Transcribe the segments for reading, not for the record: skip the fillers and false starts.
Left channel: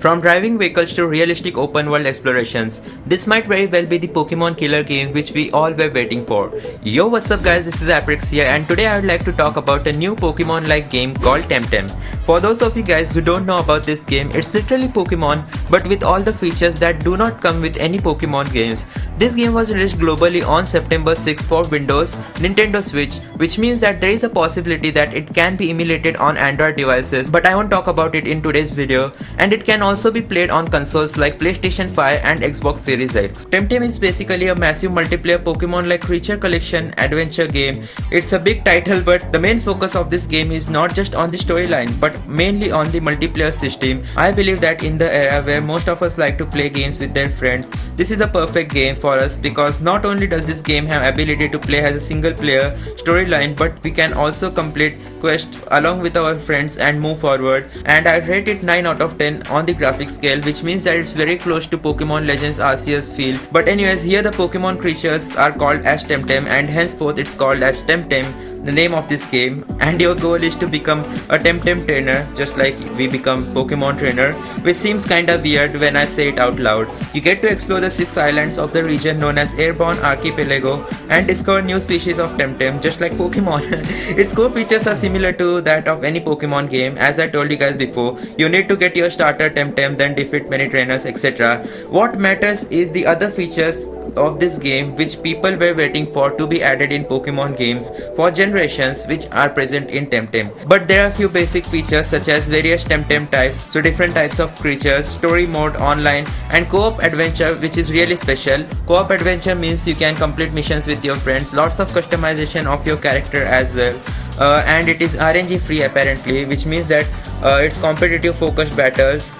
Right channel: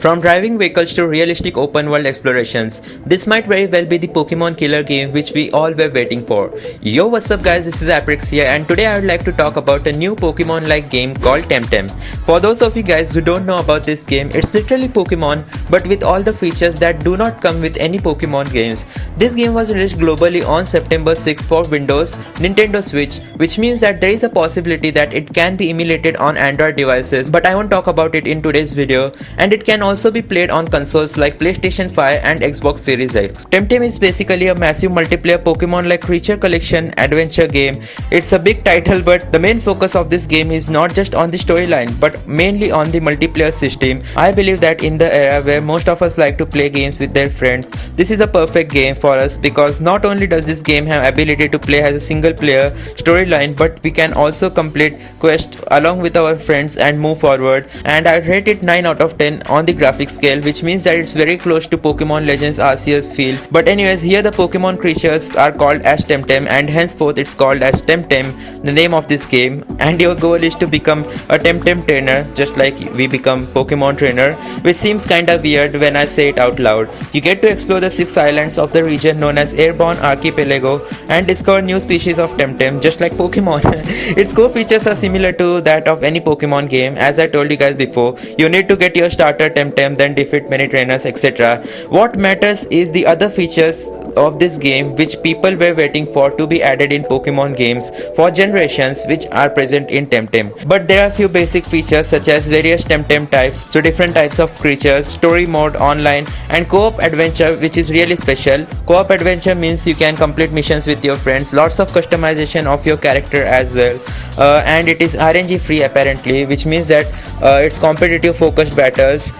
From driving vehicles to realistic open world explorations, this might very well be the Pokemon killer game which we all were waiting for. Yo, what's up guys, this is Aprix here and today I would like to talk about a new Pokemon like game called Temtem. For those of you guys who don't know about this game, it's literally Pokemon but with all the features that do not come with any Pokemon games. This game was released globally on September 6 for Windows, Nintendo Switch, which means that there is a possibility that it can be emulated on Android devices, but I won't talk about it in today's video, and it can also be played on consoles like PlayStation 5 and Xbox Series X. Temtem is basically a massive multiplayer Pokemon-like creature collection adventure game. It's a big title, but the main focus of this game is not just on the storyline, but mainly on the multiplayer system. I believe that in the era where most of us like to play games with their friends, this is a perfect game for us because not only does this game have ability to play as a single player storyline, but we can also complete quests along with our friends and move forward. And I rate it 9 out of 10 on the graphics scale, which means that it's very close to Pokemon Legends Arceus feel. But anyways, here the Pokemon creatures are called as Temtem and henceforth it's called as Temtem, the name of this game. And your goal is to become a Temtem trainer, just like we become Pokemon trainer, which seems kinda weird when I say it out loud. You get to explore the 6 islands of the region known as Airborne Archipelago and discover new species of Temtem, just like Pokemon. Its core features are similar to that of any Pokemon game. As I told you guys before, you need to get your starter Temtem, then defeat many trainers, etc. What matters is the other features of this game which people were waiting for to be added in Pokemon games for generations, which are present in Temtem. But there are few basic features such as various Temtem types, so different types of creatures, story mode, online, and co-op adventure, which is really special. Co-op adventure means you can complete missions with your friends, lots of customization of your character as well. And it is RNG free apparently, which means that it's competitive focused battles,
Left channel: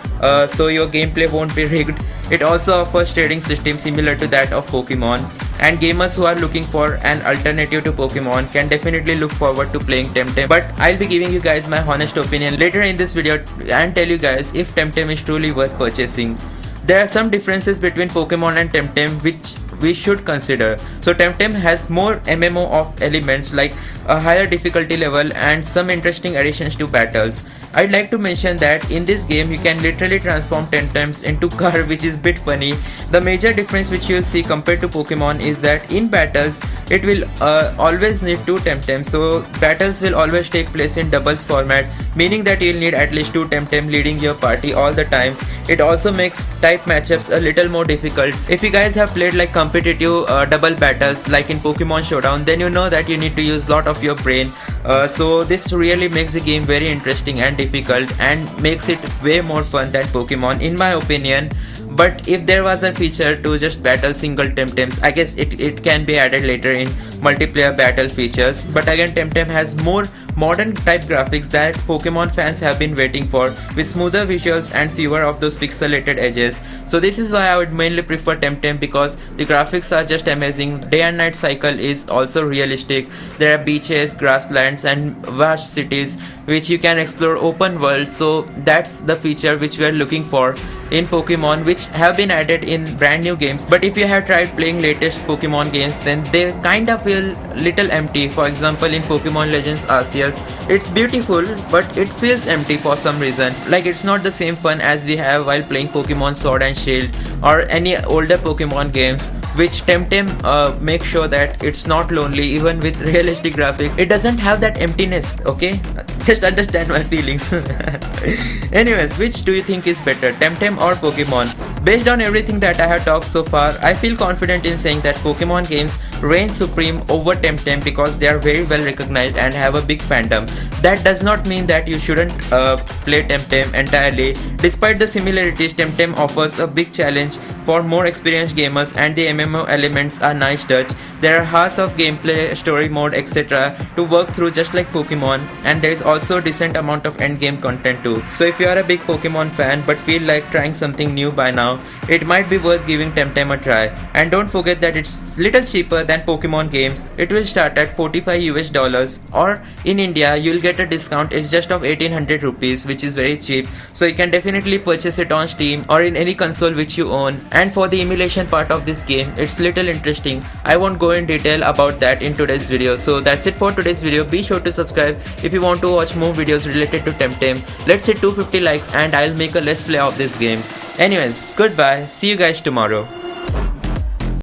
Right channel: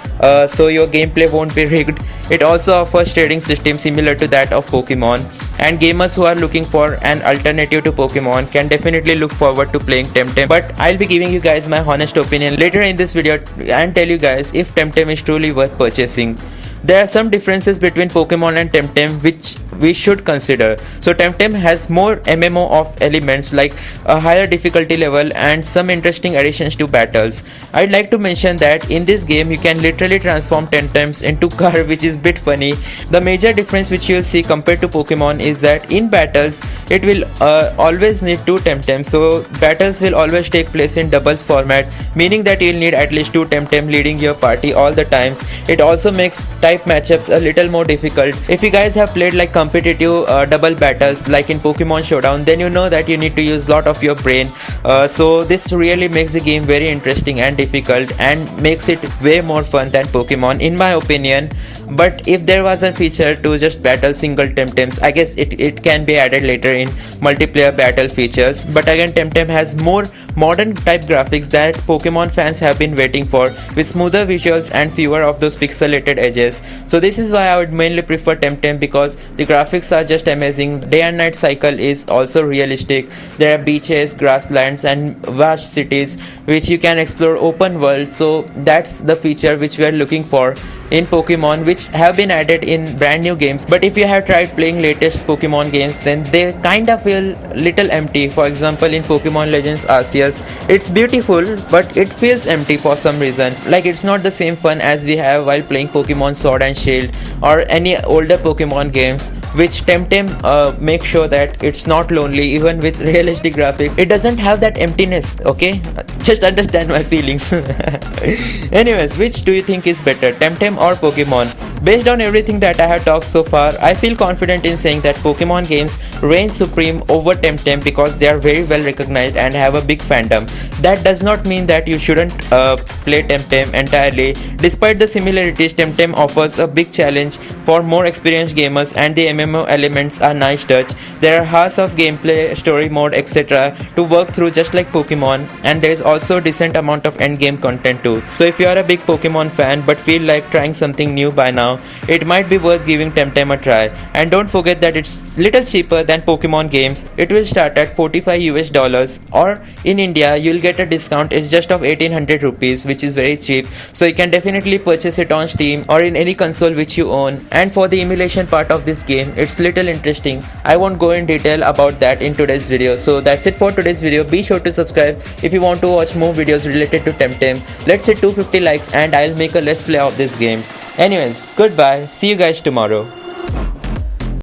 so your gameplay won't be rigged. It also offers trading system similar to that of Pokemon, and gamers who are looking for an alternative to Pokemon can definitely look forward to playing Temtem. But I'll be giving you guys my honest opinion later in this video and tell you guys if Temtem is truly worth purchasing. There are some differences between Pokemon and Temtem which we should consider. So Temtem has more MMO of elements like a higher difficulty level and some interesting additions to battles. I'd like to mention that in this game you can literally transform Temtems into car, which is bit funny. The major difference which you'll see compared to Pokemon is that in battles it will always need 2 Temtems, so battles will always take place in doubles format, meaning that you'll need at least 2 Temtem leading your party all the times. It also makes type matchups a little more difficult. If you guys have played like competitive double battles like in Pokemon Showdown, then you know that you need to use lot of your brain, so this really makes the game very interesting and difficult and makes it way more fun than Pokemon in my opinion. But if there was a feature to just battle single Temtems, I guess it can be added later in multiplayer battle features. But again, Temtem has more modern type graphics that Pokemon fans have been waiting for, with smoother visuals and fewer of those pixelated edges. So this is why I would mainly prefer Temtem, because the graphics are just amazing. Day and night cycle is also realistic. There are beaches, grasslands and vast cities which you can explore open world. So that's the feature which we are looking for in Pokemon, which have been added in brand new games. But if you have tried playing latest Pokemon games, then they kinda feel little empty. For example, in Pokemon Legends Arceus, it's beautiful but it feels empty for some reason. Like it's not the same fun as we have while playing Pokemon Sword and Shield or any older Pokemon games, which Temtem make sure that it's not lonely even with realistic graphics. It doesn't have that emptiness, okay? Just understand my feelings. Anyways, which do you think is better, Temtem or Pokemon? Based on everything that I have talked so far, I feel confident in saying that Pokemon games reign supreme over Temtem because they are very well recognized and have a big fandom. That does not mean that you shouldn't play Temtem entirely. Despite the similarities, Temtem offers a big challenge for more experienced gamers and the MMO elements are nice touch. There are hours of gameplay, story mode, etc. to work through just like Pokemon, and there is also a decent amount of endgame content too. So if you are a big Pokemon fan but feel like trying something new by now, now, it might be worth giving Temtem a try. And don't forget that it's little cheaper than Pokemon games. It will start at 45 US dollars, or in India you'll get a discount. It's just of 1800 rupees, which is very cheap. So you can definitely purchase it on Steam or in any console which you own. And for the emulation part of this game, it's little interesting. I won't go in detail about that in today's video. So that's it for today's video. Be sure to subscribe if you want to watch more videos related to Temtem. Let's hit 250 likes and I'll make a let's play of this game. Anyways, goodbye. See you guys tomorrow.